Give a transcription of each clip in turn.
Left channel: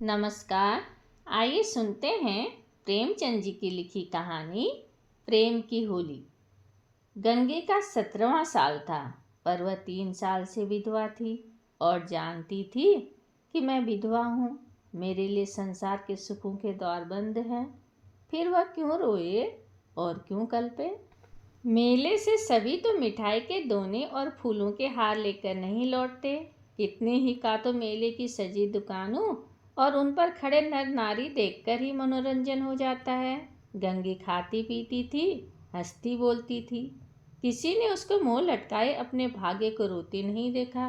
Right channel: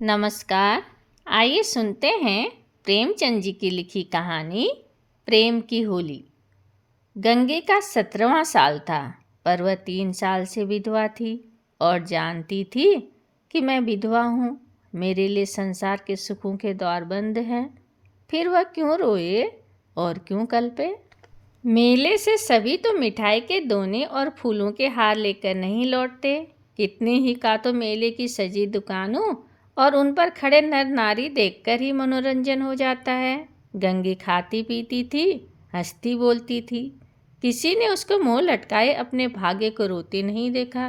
नमस्कार। आइए सुनते हैं प्रेमचंद जी की लिखी कहानी प्रेम की होली। गंगे का 17वां साल था, पर वह 3 साल से विधवा थी और जानती थी कि मैं विधवा हूँ। मेरे लिए संसार के सुखों के द्वार बंद हैं। फिर वह क्यों रोए और क्यों कल्पे। मेले से सभी तो मिठाई के दोने और फूलों के हार लेकर नहीं लौटते। कितने ही का तो मेले की सजी दुकानों और उन पर खड़े नर नारी देखकर ही मनोरंजन हो जाता है। गंगी खाती पीती थी, हंसती बोलती थी। किसी ने उसको मुंह लटकाए अपने भाग्य को रोते नहीं देखा।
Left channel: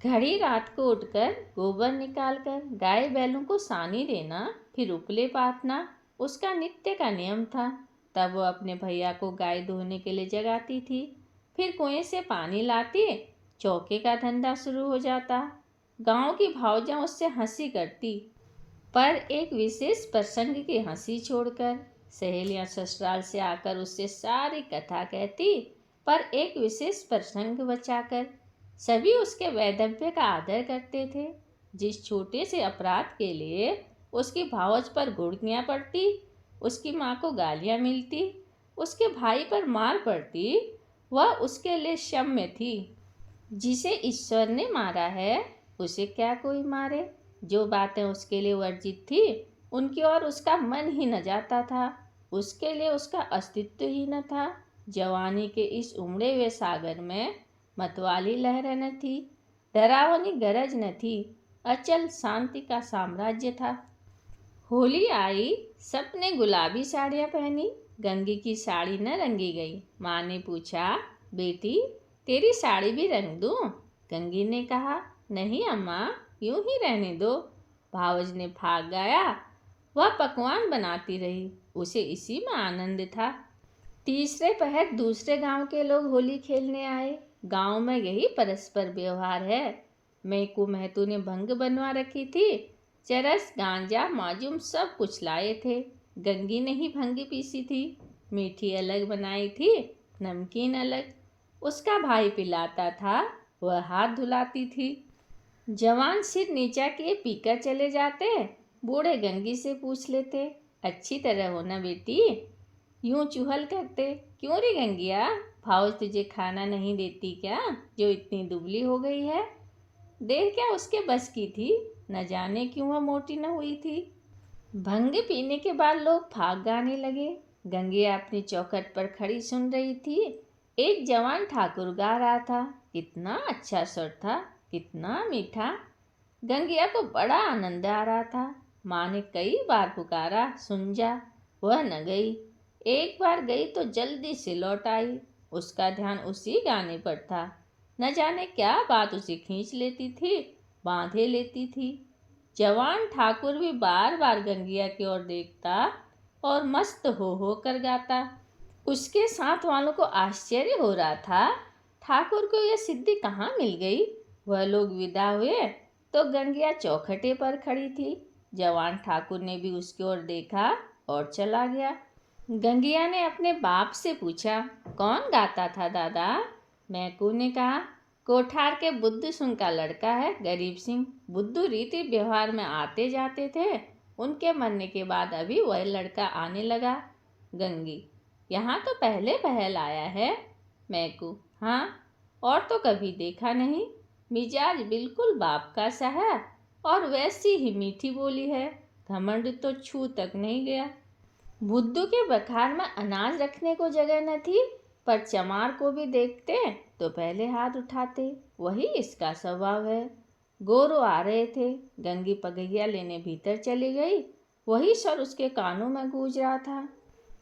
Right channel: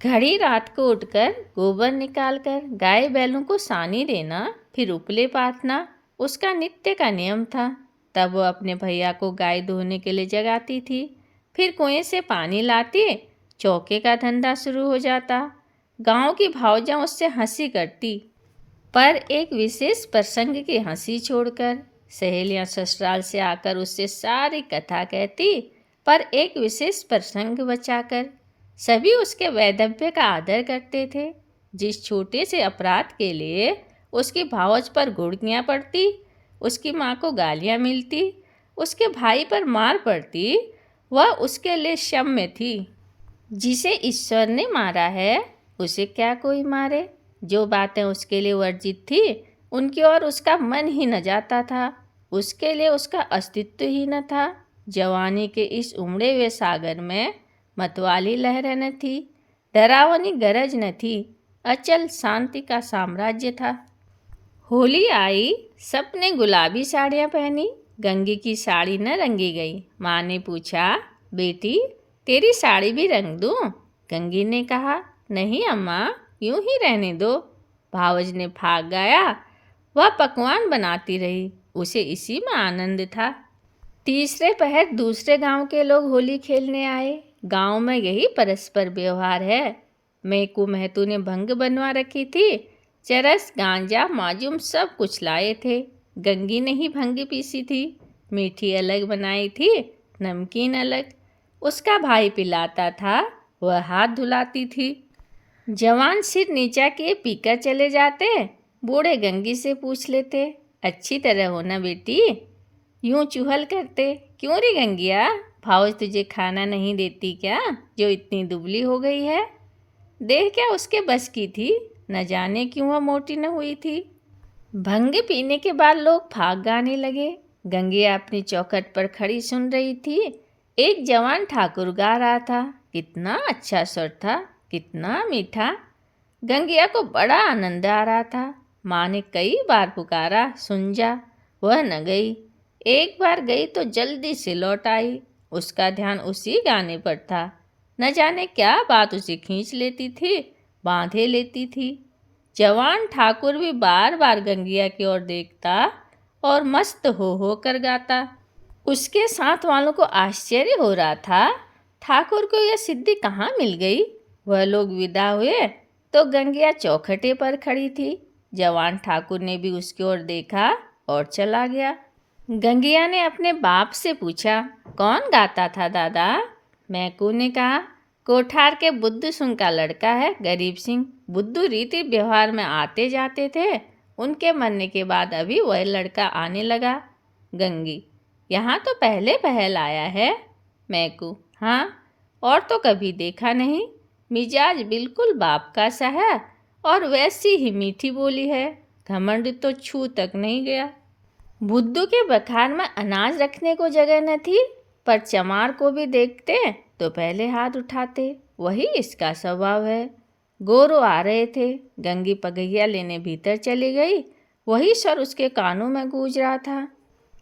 घड़ी रात को उठकर गोबर निकालकर गाय बैलों को सानी देना, फिर उपले पाथना उसका नित्य का नियम था। तब वह अपने भैया को गाय धोने के लिए जगाती थी। फिर कुएं से पानी लाती, चौके का धंधा शुरू हो जाता। गांव की भावजां उससे हंसी करती, पर एक विशेष प्रसंग की हंसी छोड़कर। सहेलियां ससुराल से आकर उससे सारी कथा कहती, पर एक विशेष प्रसंग बचाकर। सभी उसके वैधव्य का आदर करते थे। जिस छोटे से अपराध के लिए उसकी भावज पर गुड़कियाँ पड़ती, उसकी माँ को गालियाँ मिलती, उसके भाई पर मार पड़ती, वह उसके लिए क्षम्य थी। जिसे ईश्वर ने मारा है उसे क्या कोई मारे। जो बातें उसके लिए वर्जित थी उनकी ओर उसका मन ही न जाता था। उसके लिए उसका अस्तित्व ही न था। जवानी के इस उमड़े हुए सागर में मतवाली लहरें न थी, डरावनी गरज न थी। अचल शांति का साम्राज्य था। होली आई, सबने गुलाबी साड़ियाँ पहनी। गंगी की साड़ी न रंगी गई। माँ ने पूछा, बेटी तेरी साड़ी भी रंग दूँ? गंगी ने कहा, नहीं अम्मा, यूं ही रहने दो। भावज ने भाग गाया। वह पकवान बनाती रही, उसे इसी में आनंद था। तीसरे पहर दूसरे गांव के लोग होली खेलने आए। गांव में यही परस्पर व्यवहार है। मैकू महतू ने भंग बनवा रखी थी। चरस गांजा माजूम सब कुछ लाए थे। गंगी ने ही भंग पीसी थी। मीठी अलग बनाई थी, नमकीन अलग। उसका भाई पिलाता था, वह हाथ धुलाती थी। जवान सिर नीचा किए पीकर चले जाते। बूढ़े गंगी से पूछ लेते, अच्छी तरह हो ना बेटी? यूं चुहल करते, क्यों रे गंगिया, भावज तुझे खाना नहीं देती क्या, जो इतनी दुबली हो गई है? देह क्या उसके बस की थी, न जाने क्यों वह मोटी न हुई थी। भंग पीने के बाद लोग भाग गाने लगे। गंगिया अपनी चौखट पर खड़ी सुन रही थी। एक जवान ठाकुर गा रहा था। कितना अच्छा स्वर था, कितना मीठा। गंगिया को बड़ा आनंद आ रहा था। माँ ने कई बार पुकारा, सुन जा, वह न गई। एक बार गई तो जल्दी से लौट आई। उसका ध्यान उसी गाने पर था। न जाने क्या बात उसे खींच लेती थी, बांधे लेती थी। जवान ठाकुर भी बार बार गंगिया की ओर देखता और मस्त हो कर गाता। उसके साथ वालों को आश्चर्य हो रहा था, ठाकुर को यह सिद्धि कहाँ मिल गई। वह लोग विदा हुए तो गंगिया चौखटे पर खड़ी थी। जवान ठाकुर ने भी उसकी ओर देखा और चला गया। गंगिया ने अपने बाप से पूछा, कौन गाता था दादा? मैकू ने कहा, कोठार के बुद्धू सिंह का लड़का है, गरीब सिंह। बुद्धू रीति व्यवहार में आते जाते थे। उनके मरने के बाद अभी वह लड़का आने लगा। गंगी, यहाँ तो पहले पहल आया है। मैकू, हाँ, और तो कभी देखा नहीं। मिजाज बिल्कुल बाप का सा है और वैसी ही मीठी बोली है। घमंड तो छू तक नहीं गया। बुद्धू के बखार में अनाज रखने को जगह न थी, पर चमार को भी देखते तो पहले हाथ उठाते। वही इसका स्वभाव है। गोरो आ रहे थे। गंगी पगैया लेने भीतर चली गई। वही स्वर उसके कानों में गूंज रहा था।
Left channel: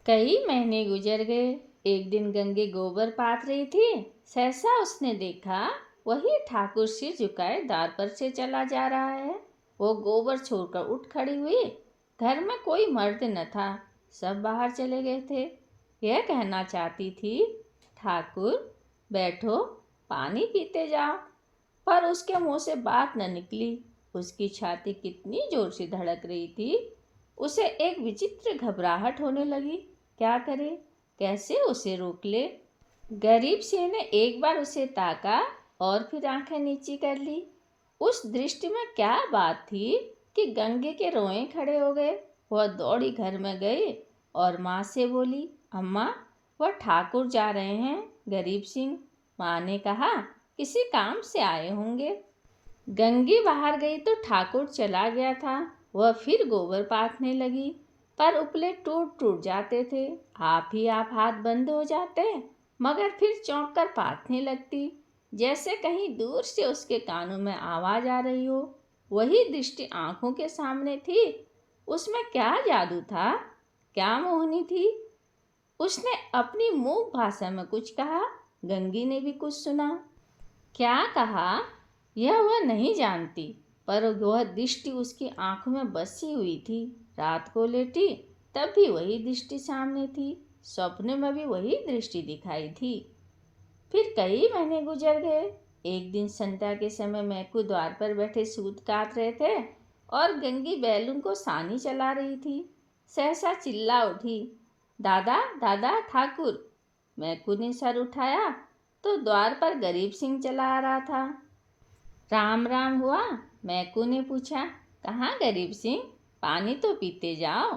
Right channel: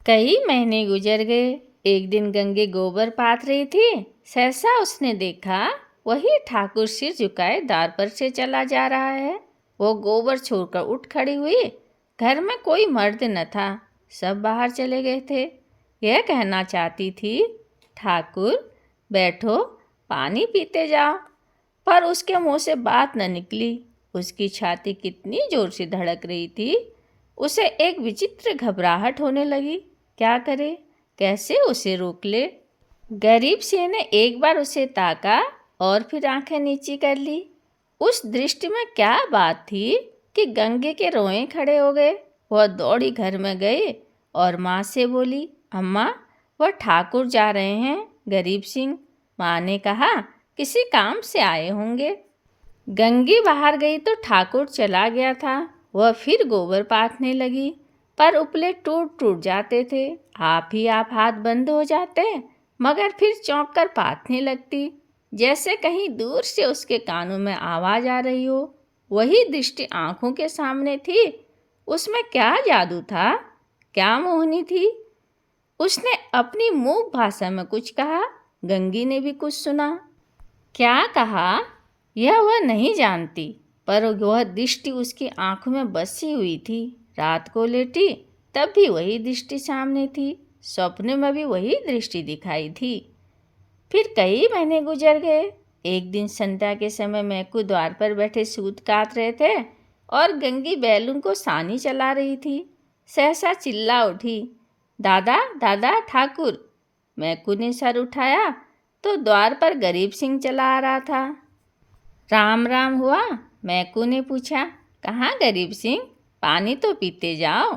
कई महीने गुजर गए। एक दिन गंगी गोबर पाथ रही थी। सहसा उसने देखा, वही ठाकुर सिर झुकाए द्वार पर से चला जा रहा है। वो गोबर छोड़कर उठ खड़ी हुई। घर में कोई मर्द न था, सब बाहर चले गए थे। यह कहना चाहती थी, ठाकुर बैठो, पानी पीते जाओ, पर उसके मुंह से बात न निकली। उसकी छाती कितनी जोर से धड़क रही थी। उसे एक विचित्र घबराहट होने लगी। क्या करे, कैसे उसे रोक ले। गरीब सिंह ने एक बार उसे ताका और फिर आंखें नीची कर ली। उस दृष्टि में क्या बात थी, कि गंगे के रोए खड़े हो गए। वह दौड़ी घर में गई और माँ से बोली, अम्मा, वह ठाकुर जा रहे हैं, गरीब सिंह। माँ ने कहा, किसी काम से आए होंगे। गंगी बाहर गई तो ठाकुर चला गया था। वह फिर गोबर पाथने लगी, पर उपले टूट टूट जाते थे। आप ही आप हाथ बंद हो जाते, मगर फिर चौंक कर पाथने लगती, जैसे कहीं दूर से उसके कानों में आवाज़ आ रही हो। वही दृष्टि आंखों के सामने थी। उसमें क्या जादू था, क्या मोहनी थी। उसने अपनी मूक भाषा में कुछ कहा। गंगी ने भी कुछ सुना। क्या कहा यह वह नहीं जानती, पर वह दृष्टि उसकी आंखों में बसी हुई थी। रात को लेटी तब भी वही दृष्टि सामने थी, स्वप्न में भी वही दृष्टि दिखाई थी। फिर कई महीने गुजर गए। एक दिन संध्या के समय मैकू द्वार पर बैठे सूत काट रहे थे और गंगी बैलून को सानी चला रही थी। सहसा चिल्ला उठी, दादा दादा ठाकुर। मैकू ने सर उठाया तो द्वार पर गरीब सिंह चला आ रहा था। राम राम हुआ। मैकू ने पूछा, कहाँ गरीब सिंह, पानी तो पीते जाओ।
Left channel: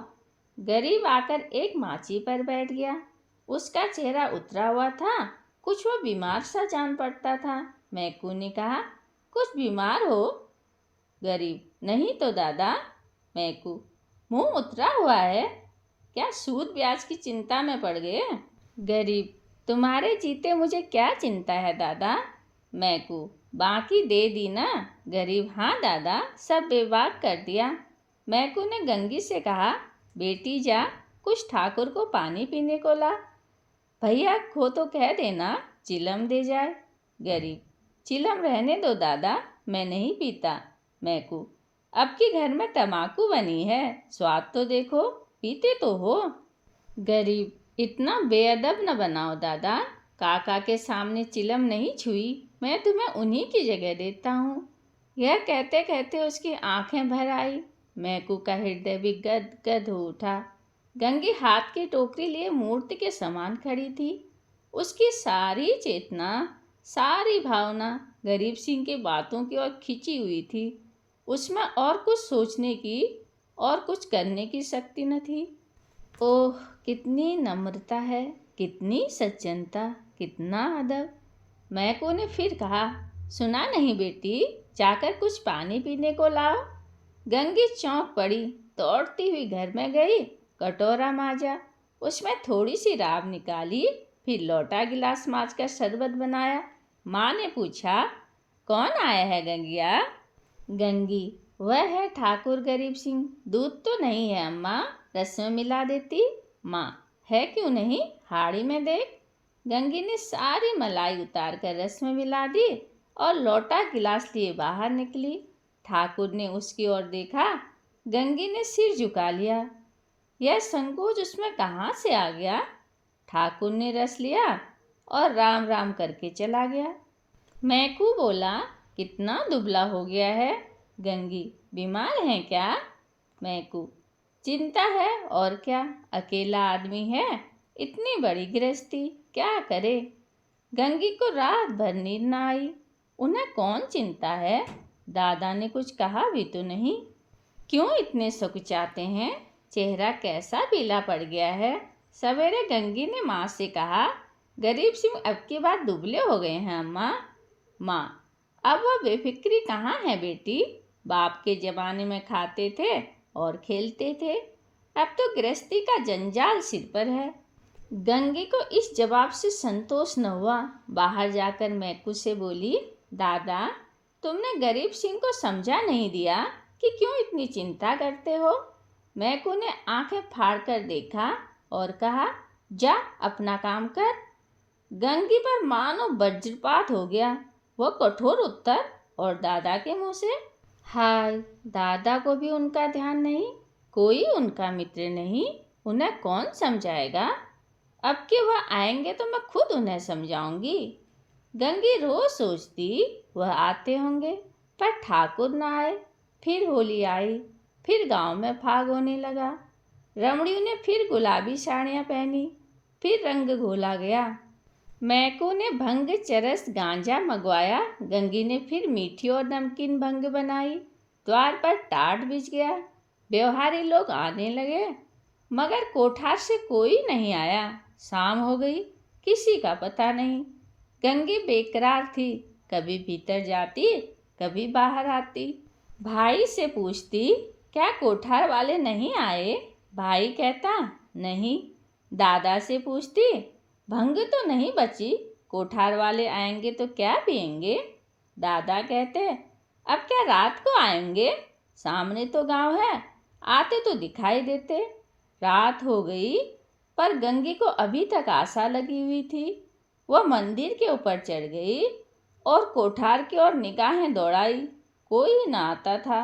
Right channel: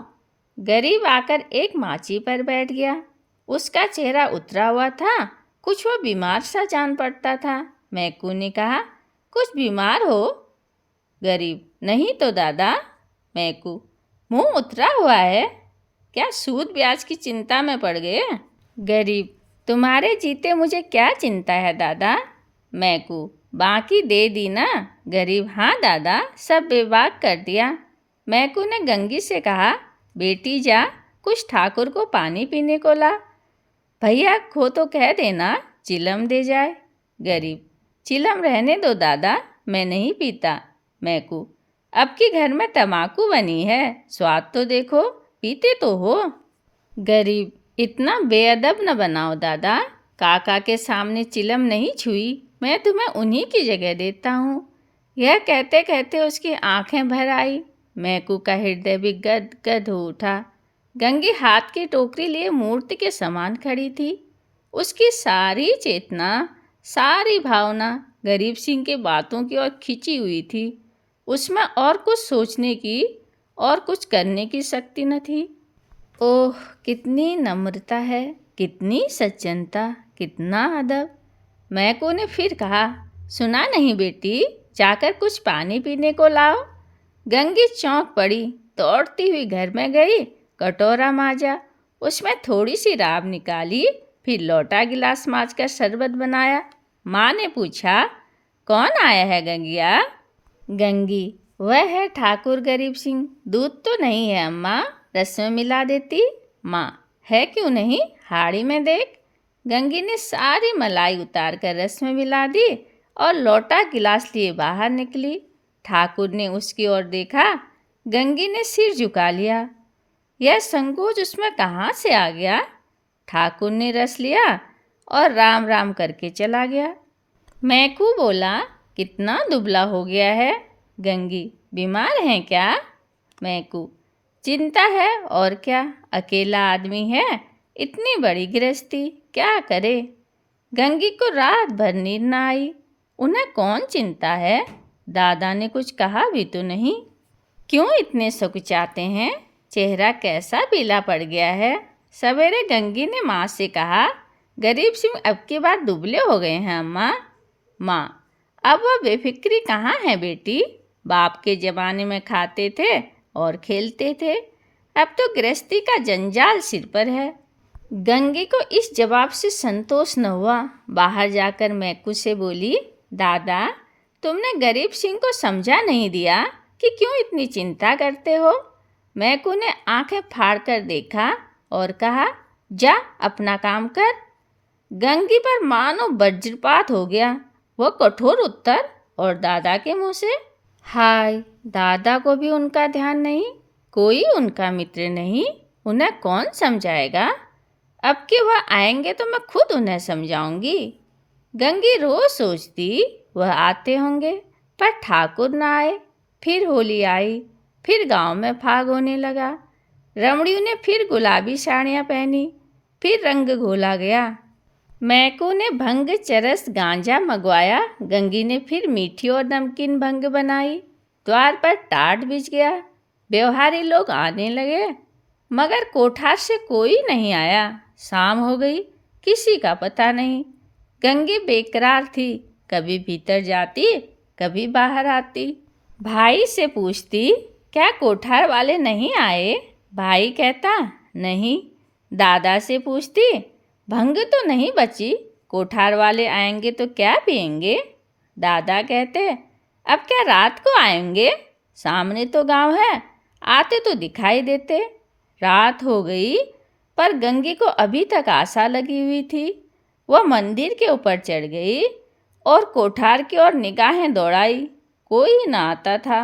गरीब आकर एक माची पर बैठ गया। उसका चेहरा उतरा हुआ था, कुछ वो बीमार सा जान पड़ता था। मैकू ने कहा, कुछ बीमार हो? गरीब, नहीं तो दादा। मैकू, मुंह उतरा हुआ है, क्या सूद ब्याज की चिंता में पड़ गए? गरीब, तुम्हारे जीते मुझे क्या चिंता है दादा। मैकू, बाकी दे दी ना? गरीब, हाँ दादा, सब बेबाक कर दिया। मैकू ने गंगी से कहा, बेटी जा, कुछ ठाकुर को पानी पीने को ला। भैया खो तो कह देना, चिलम दे जाए। गरीब, चिलम रहने दो दादा, मैं नहीं पीता। मैकू, अब की घर में तम्बाकू बनी है, स्वाद तो देखो, पीते तो हो। गरीब, इतना बेअदब न बनाओ दादा, काका के सामने चिलम नहीं छुई, मैं तुम्हें उन्हीं की जगह देता हूँ। यह कहते कहते उसकी आंखें भर आई। मैकू का हृदय भी गद गद हो उठा। गंगी हाथ की टोकरी लिए मूर्ति के समान खड़ी थी। उसकी सारी चेतना, सारी भावना गरीब सिंह के बातों की ओर खिंची हुई थी। उसमें और कुछ सोचने की और कुछ करने की शक्ति न थी। ओह, कितनी नम्रता है, कितनी सज्जनता, कितना अदब। मैकू ने फिर कहा, सुना नहीं बेटी, जाकर कुछ पानी पीने को लाओ। गंगी चौंक पड़ी, दौड़ती हुई घर में गई, कटोरा मांजा, उसमें थोड़ी सी राब निकाली, फिर लोटा गिलास मांजकर शरबत बनाया। माँ ने पूछा, कौन आया है गंगिया? गंगी, वह है ठाकुर गरीब सिंह। दूध तो नहीं है अम्मा, रस में मिला देती। माँ, है क्यों नहीं, हाड़ी में देख। गंगी ने सारी मलाई उतार कर रस में मिला दी और लोटा गिलास लिए बाहर निकली। ठाकुर ने उसकी ओर देखा। गंगी ने सिर झुका लिया। यह संकोच उसमें कहाँ से आ गया? ठाकुर ने रस लिया और राम राम करके चला गया। मैकू बोला, कितना दुबला हो गया है। गंगी, बीमार हैं क्या? मैकू, चिंता है और क्या, अकेला आदमी है, इतनी बड़ी गृहस्थी, क्या करे। गंगी को रात भर नींद न आई। उन्हें कौन चिंता है, दादा ने कुछ कहा भी तो नहीं। क्यों इतने सकुचाते हैं, चेहरा कैसा पीला पड़ गया है। सवेरे गंगी ने माँ से कहा, गरीब सिंह अब की बार दुबले हो गए हैं अम्मा। माँ, अब वह बेफिक्री कहाँ है बेटी, बाप के ज़माने में खाते थे और खेलते थे, अब तो गृहस्थी का जंजाल सिर पर है। गंगी को इस जवाब से संतोष न हुआ। बाहर जाकर मैकू से बोली, दादा, तुमने गरीब सिंह को समझा नहीं दिया कि क्यों इतनी चिंता करते हो। मैकू ने आंखें फाड़कर देखा और कहा, जा अपना काम कर। गंगी पर मानो वज्रपात हो गया। वह कठोर उत्तर और दादा के मुंह से, हाय, दादा को भी उनका ध्यान नहीं, कोई उनका मित्र नहीं, उन्हें कौन समझाएगा। अब कि वह आएंगे तो मैं खुद उन्हें समझाऊंगी। गंगी रोज सोचती वह आते होंगे, पर ठाकुर न आए। फिर होली आई, फिर गांव में फाग होने लगा। रमणियों ने फिर गुलाबी साड़ियाँ पहनी, फिर रंग घोला गया। मैकू ने भंग, चरस, गांजा मंगवाया। गंगी ने फिर मीठी और नमकीन भंग बनाई। द्वार पर टाट बिछ गया। व्यवहारी लोग आने लगे, मगर कोठार से कोई नहीं आया। शाम हो गई, किसी का पता नहीं। गंगी बेकरार थी, कभी भीतर जाती, कभी बाहर आती। भाई से पूछती, क्या कोठार वाले नहीं आए? भाई कहता, नहीं। दादा से पूछती, भंग तो नहीं बची, कोठार वाले आएंगे तो क्या पिएंगे? दादा कहते, अब क्या रात को आएंगे? सामने तो गांव है, आते तो दिखाई देते। रात हो गई, पर गंगी को अभी तक आशा लगी हुई थी। वह मंदिर के ऊपर चढ़ गई और कोठार की ओर निगाहें दौड़ाई। कोई न आता था।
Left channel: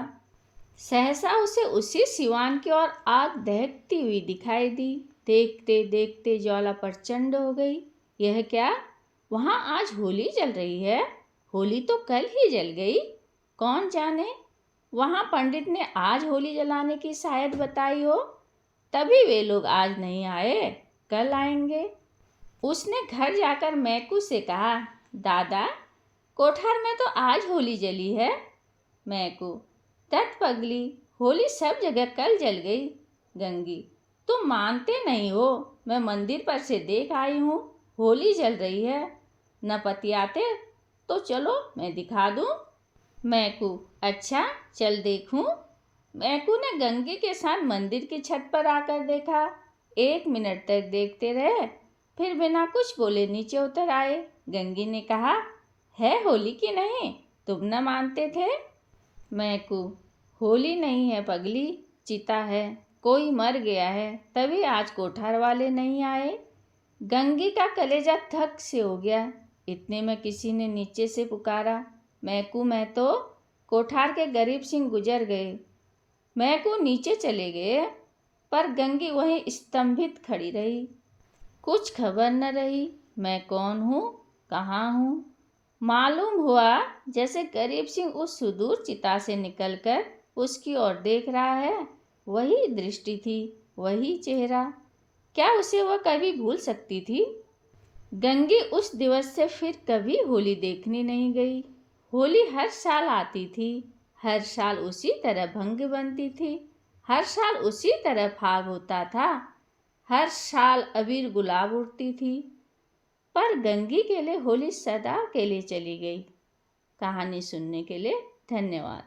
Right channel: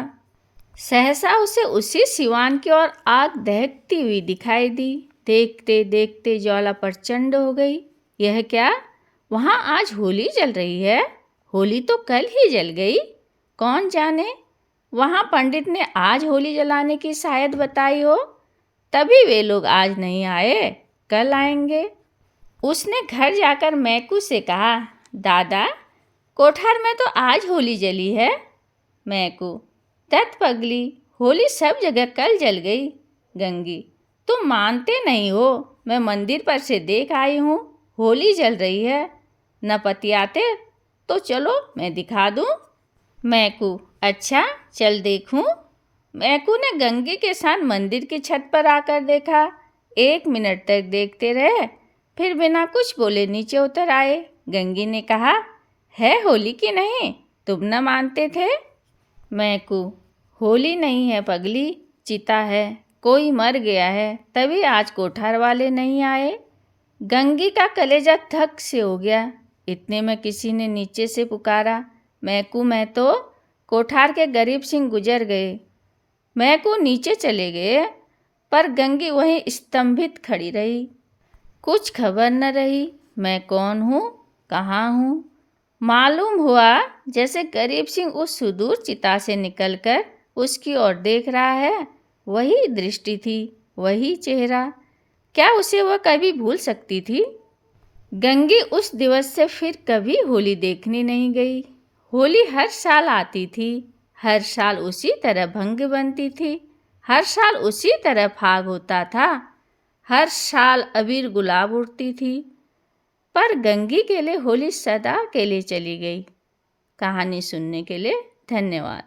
सहसा उसे उसी सिवान की ओर आग दहकती हुई दिखाई दी। देखते देखते ज्वाला प्रचंड हो गई। यह क्या? वहाँ आज होली जल रही है। होली तो कल ही जल गई। कौन जाने, वहाँ पंडित ने आज होली जलाने की शायद बताई हो, तभी वे लोग आज नहीं आए, कल आएंगे। उसने घर जाकर मैकू से कहा, दादा, कोठार में तो आज होली जली है। मैकू, दत्त पगली, होली सब जगह कल जल गई। गंगी, तुम मानते नहीं हो, मैं मंदिर पर से देख आई हूँ, होली जल रही है। न पति आते तो चलो मैं दिखा दूँ। मैकू, अच्छा चल देखूँ। मैकू ने गंगी के साथ मंदिर की छत पर आकर देखा। 1 मिनट तक देखते रहे, फिर बिना कुछ बोले नीचे उतर आए। गंगी ने कहा, है होली की नहीं? तुम न मानते थे। मैकू, होली नहीं है पगली, चिता है। कोई मर गया है, तभी आज कोठार वाले नहीं आए। गंगी का कलेजा धक से हो गया। इतने में किसी ने नीचे से पुकारा, मैकू महतो, कोठार के गरीब सिंह गुजर गए। मैकू नीचे चले गए, पर गंगी वहीं स्तंभित खड़ी रही। कुछ खबर न रही, मैं कौन हूँ, कहाँ हूँ। मालूम हुआ जैसे गरीब सिंह उस सुदूर चिता से निकलकर उसकी ओर देख रहा है। वही दृष्टि थी, वही चेहरा। क्या उसे वह कभी भूल सकती थी? गंगी उस दिवस से फिर कभी होली देखने नहीं गई। होली हर साल आती थी, हर साल उसी तरह भंग बनती थी, हर साल उसी तरह फाग होता था, हर साल अबीर गुलाब उड़ती थी। पर गंगी के लिए होली सदा के लिए चली गई। कहानी सुनने के लिए धन्यवाद।